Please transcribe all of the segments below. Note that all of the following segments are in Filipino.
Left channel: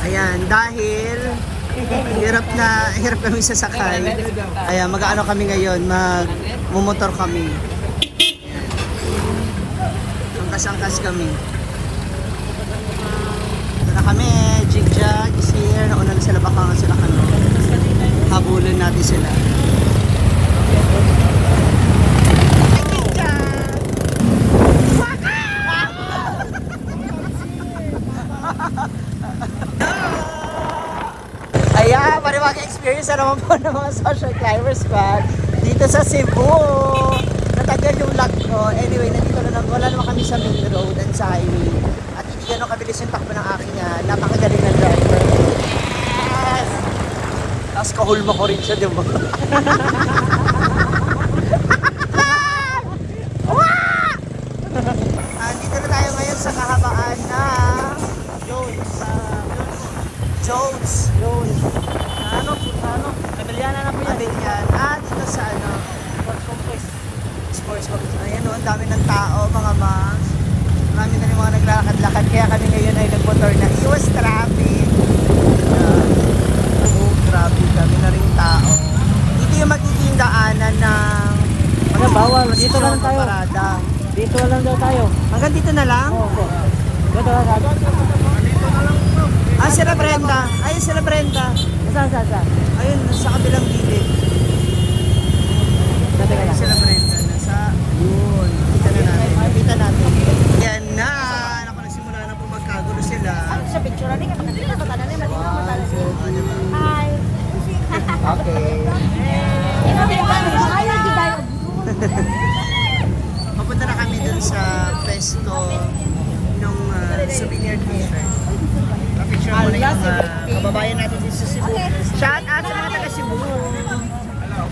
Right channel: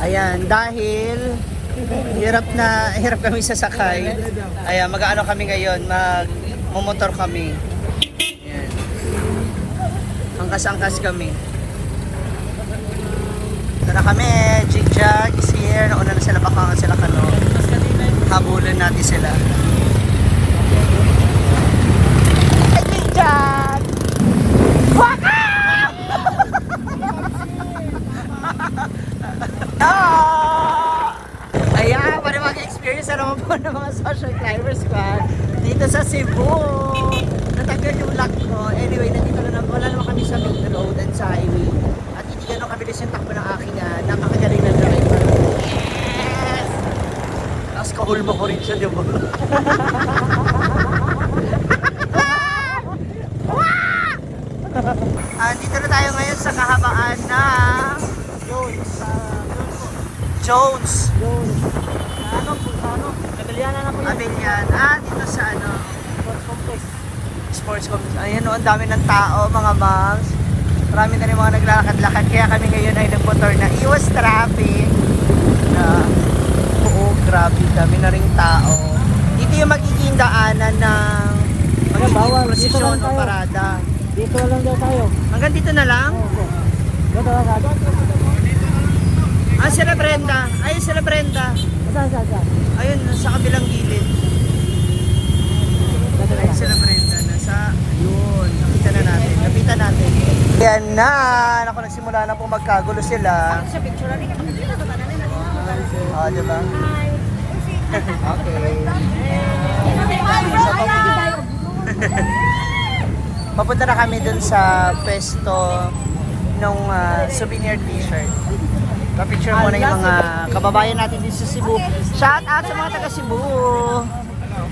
Ayan, dahil hirap kami sasakay. Ayan, mag-ano kami ngayon, mag-motor kami. Ayan. Angkas-angkas kami. Ito na kami, Jigjag is here. Nauna na sila, baka sila kano. Habulan natin sila. Ayan, paniwag experience na naman po ng mga social climber squad dito sa Cebu. Natagal yung lag ko. Anyway, nandito na lang. Wala naman kami sa main road and sa highway. At hindi ganun kabilis yung takbo ng aking napakagaling na load. Yes! Tapos kahulma ko rin siya, di ba? Dito na tayo ngayon sa kahabaan ng Jones. Rebelliana na po yan. Abeliana. Dito sa Sports Complex. Ayan o, ang dami ng tao, mga moms. Marami na rin mga naglalakad-lakad. Kaya kami ngayon ay nagmotor na iwas traffic. Oo, grabe. Dami na rin tao. Dito yung magiging daanan ng Mga bawal, dito lang tayo. Parada. Dito lang daw tayo. Hanggang dito na lang? Oo. Dito lang tayo. Sila Brenda. Ayun sila Brenda. Saan? Ayun, sa kabilang gilid. Dito Ayun lang. sila Brenda. Nasa, yun. Kapitan natin. Yan na. Naku, nagsimula na po magkagulo sila. Sa picture natin, kasi nila sa tanan natin. Oo, diba? Hi! Okay. Papunta na kami dun sa pwesto ng souvenir t-shirt. Pa-picture muna yung mga kababayan natin dito sa Cebu. Shout out sa mga taga Cebu.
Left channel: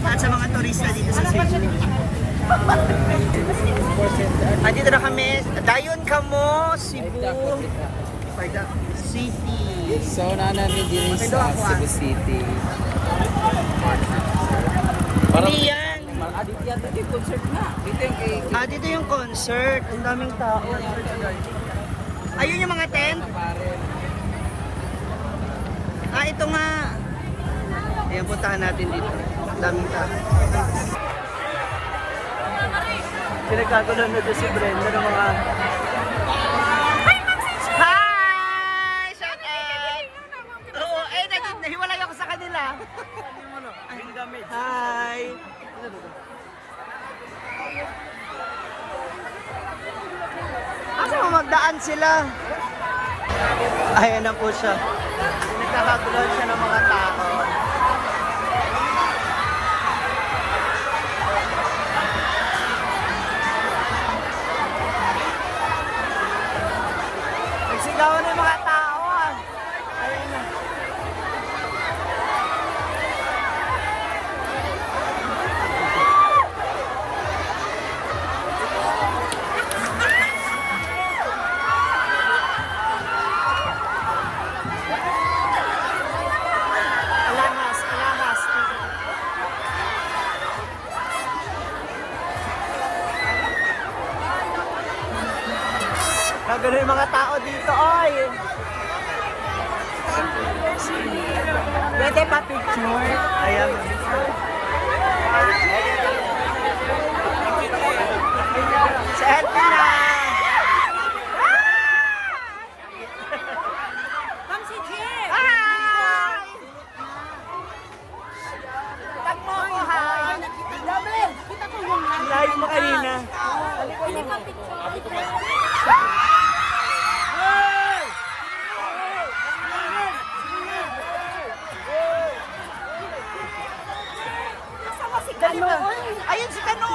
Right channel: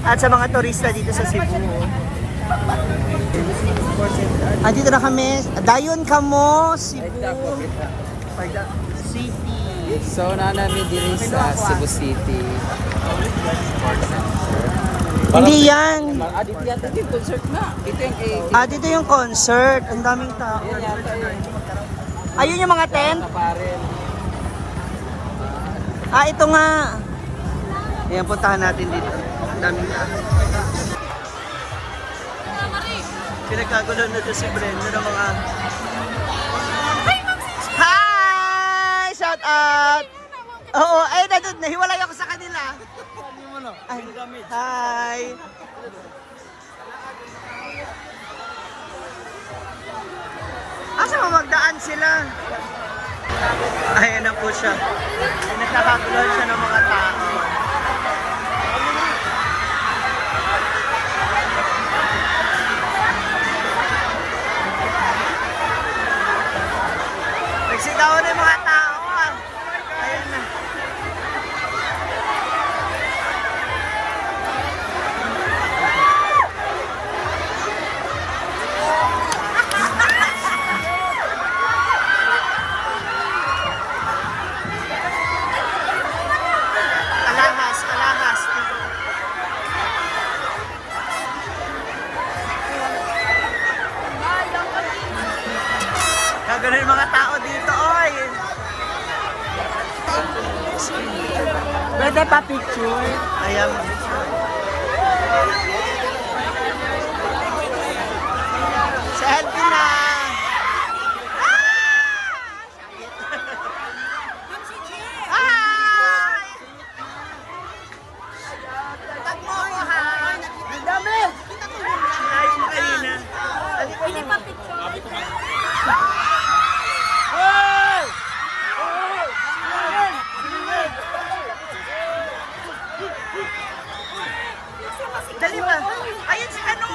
At sa mga turista dito sa Cebu. Andito na kami. Dayon ka mo, Cebu. City. So, namin din sa Cebu City. Hindi yan. Dito yan. Dito yung concert na. Dito yung kay... Dito yung concert. Ang daming tao. Ayun yung mga tent. Ito nga. Ayan, puntahan natin dito. Ang daming tao. Pinagkagulo na doon si Brenda ng mga... Hi! Shout out! Oo, ay nahiwalay ako sa kanila. Ay, hi! Asa mo magdaan sila? Ayan na po siya. Nagkakaguluhan siya ng mga tao. Nagsigawan na yung mga tao. Ayan na. Alahas. Kagano yung mga tao dito, oy. Pwede pa picture? Ayan. Selfie na! Ma'am si Jim! Hi! Tag mo ako, ha? Kita ko yung Live mo kanina. Halika na. Dali ba? Ayun si Tanong.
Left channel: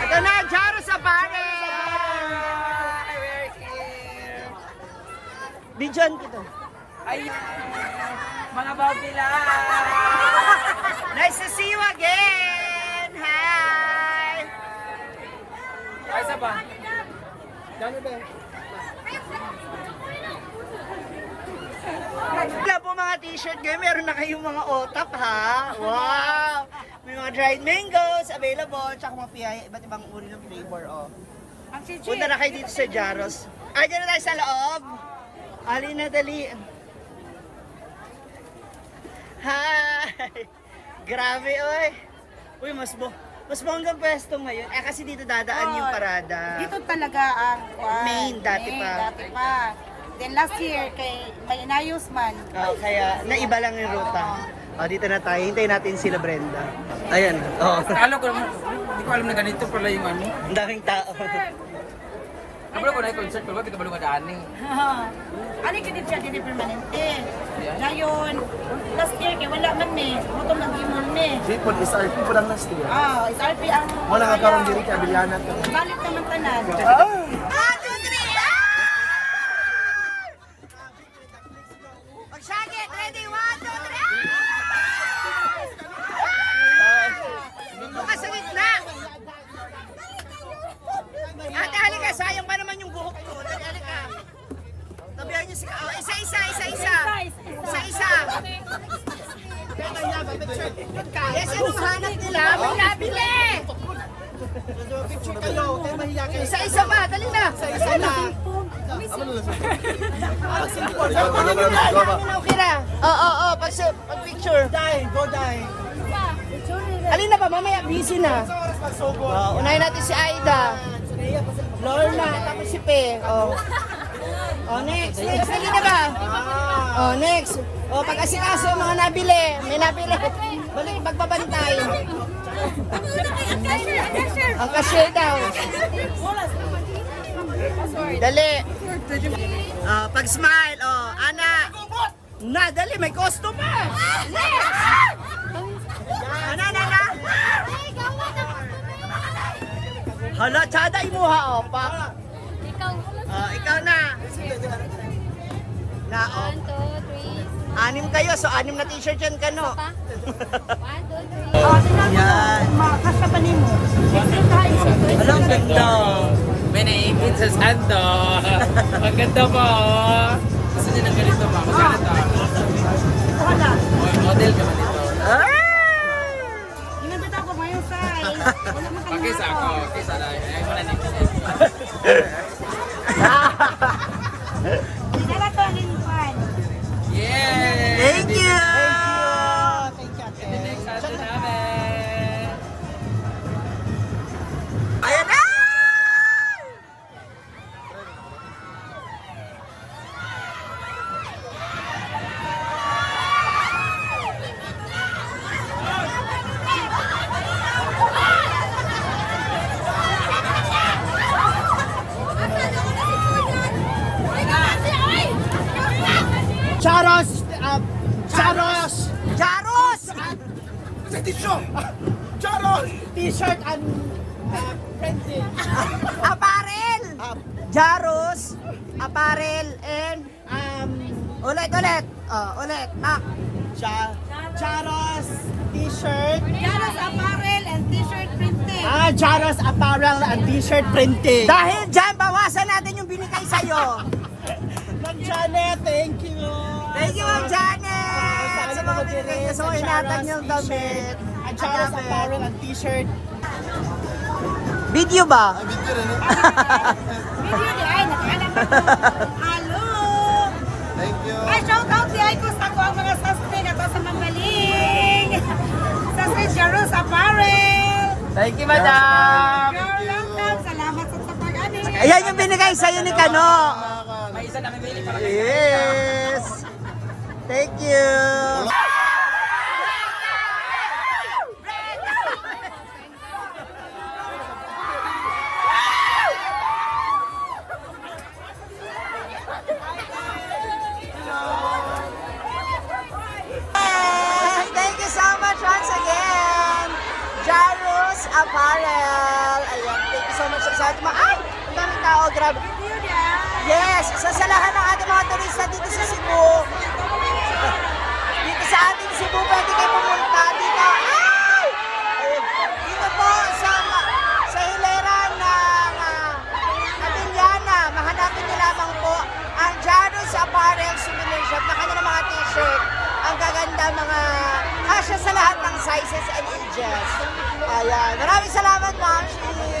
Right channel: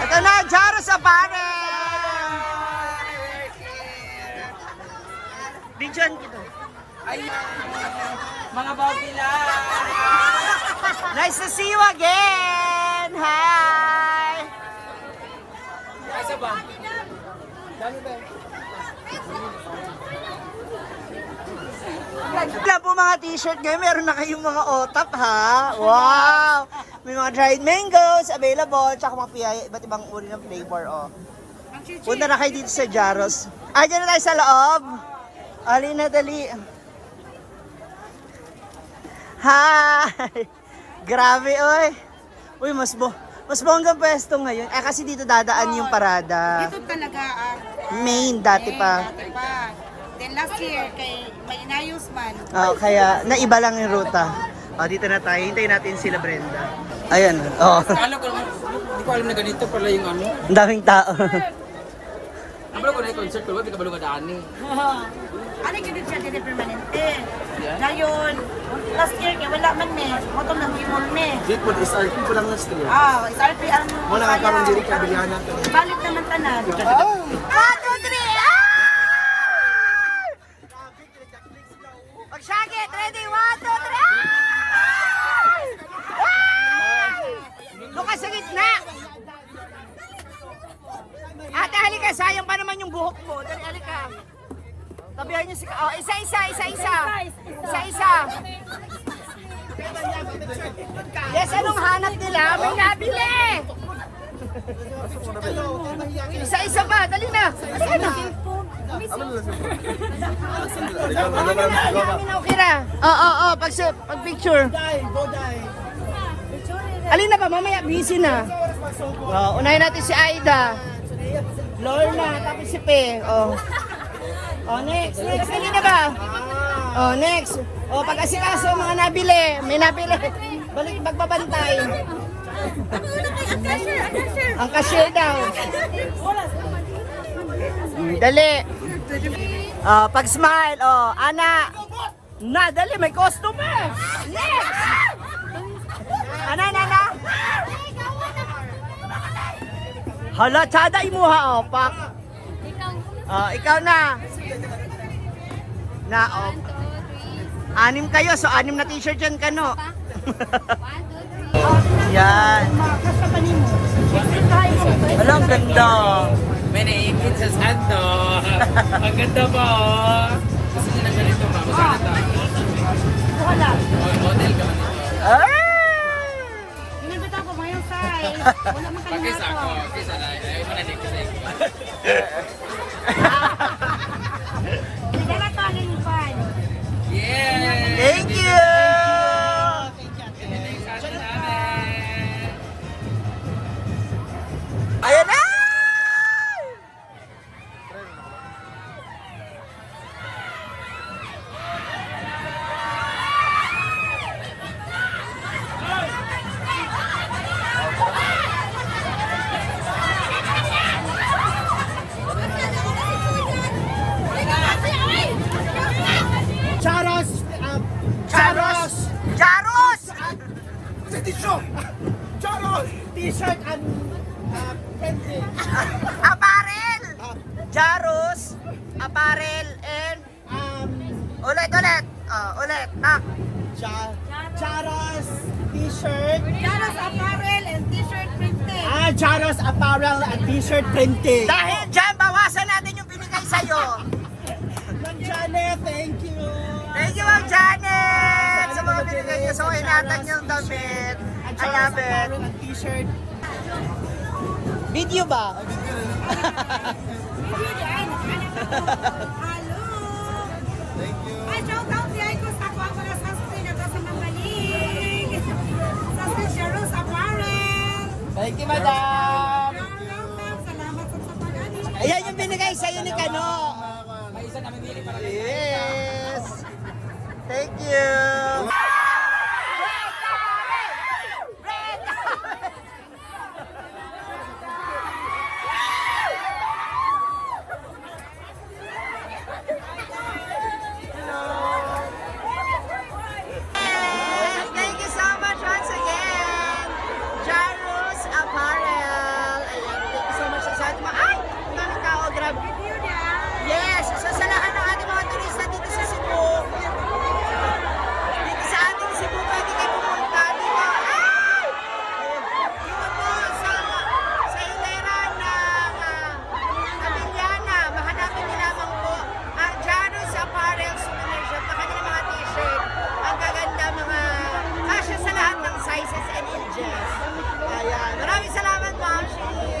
Ito na, Jaros Apparel! Bidyan kita. Ay, mga babila. Nice to see you again! Hi! Ay, isa ba? Wala po mga t-shirt ngayon, meron na kayong mga otap ha. Wow! May mga dried mangoes available, tsaka mga piyaya, iba't ibang uri ng flavor. Oh. Punta na kayo dito sa Jaros. Diyan na tayo sa loob. Ali na dali. Hi! Grabe oy. Uy, mas bonggang pwesto ngayon. Kasi dito dadaan yung parada. Dito talaga ang Main, dati pa. Dati pa. Then last year, kay may inayos man. Kaya naiba lang yung ruta. Dito na tayo. Hintayin natin sila Brenda. Ayan. Alam ko, hindi ko alam na ganito pala yung ano. Ang daming tao. Kabalo ko na yung concert, pero hindi kabalo nga daan eh. Ano yung ganit siya, din permanente. Ngayon, last year, kaya wala man me. Motom lang gimol me. Dito, SRP po lang na stream. SRP ang Wala ka parang diri kabilihan natin. Balik naman tanan. 1, 2, 3! Pag-shagit! Ready? 1, 2, 3! Bukas sa gitna! Ate, halika. Sayang pa naman yung buhok ko. Halika. Tabihan niyo si... isa-isa. Yes, anong hanap nila? Nabili! Isa-isa ba? Dali na! Isa na! Okay na. Oo. Pag-picture. Go die. Alin na ba? Mamaya busy na. Unahin natin si Aida. Lorna. Tapos si Pe. Next. Next na ba? Next. Pag-asikaso, mga nabili. May nabili. Balik pagbabantay. Ang cashier daw. Dali. Pag-smile. Ana. Dali. May customer. Ana. Hala, tsada imuha. Pak. Ikaw na. Na. 1, 2, 3. 6 kayo. So, 6 na t-shirt yan ka, no? 1, 2, 3. Yan. Kasta pa ni mo. Walang ganda. May naiipit sa sando. Ang ganda po. Gusto niya ng ganito, ma. Magkano ta? Wala. Model ka man ito. Ginabit ako ngayon, size. Wala man kami Pakisa ako. Kisa na. Ayaw mo na next. Dala to, alin pa. Yay! Thank you! Ayan na! Charos! Jaros! Charos! T-shirt and printing. Apparel! Jaros, apparel, and ulit. Ulit. Charos T-shirt. Jaros apparel and t-shirt printing. Charos apparel and T-shirt printing. Dahil dyan, bawasan natin yung binigay sa'yo. Ma'am Janet, thank you. Thank you, Ma'am Janet! Sa mga binigay niyo sa inatan yung damit. At Charos apparel and T-shirt. Video ba? Video di ay, nakahanap ako. Hello! Thank you. Ay, shout out di ay kung ako ang mga sastre na to sa Mangmaling. Sastre Jaros Apparel. Thank you, madam! You're welcome. Salamat sa pag-ani. Ayan yung binigay sa'yo ni Kano. May isa na kami. Yes! Thank you! Thank you so much once again, Jaros Apparel. Yes, isa sa lahat ng ating mga turista dito sa Cebu. Dito sa ating Cebu, pwede kayo pumunta dito. Ay! Dito po sa hilera ng Abiliana. Mahanapin niyo lamang po ang Janus Apparel Souvenir Shop na kanilang mga t-shirt. Ang gaganda, mga kasya sa lahat ng sizes and ages. Ayan. Maraming salamat, Ma'am Shi.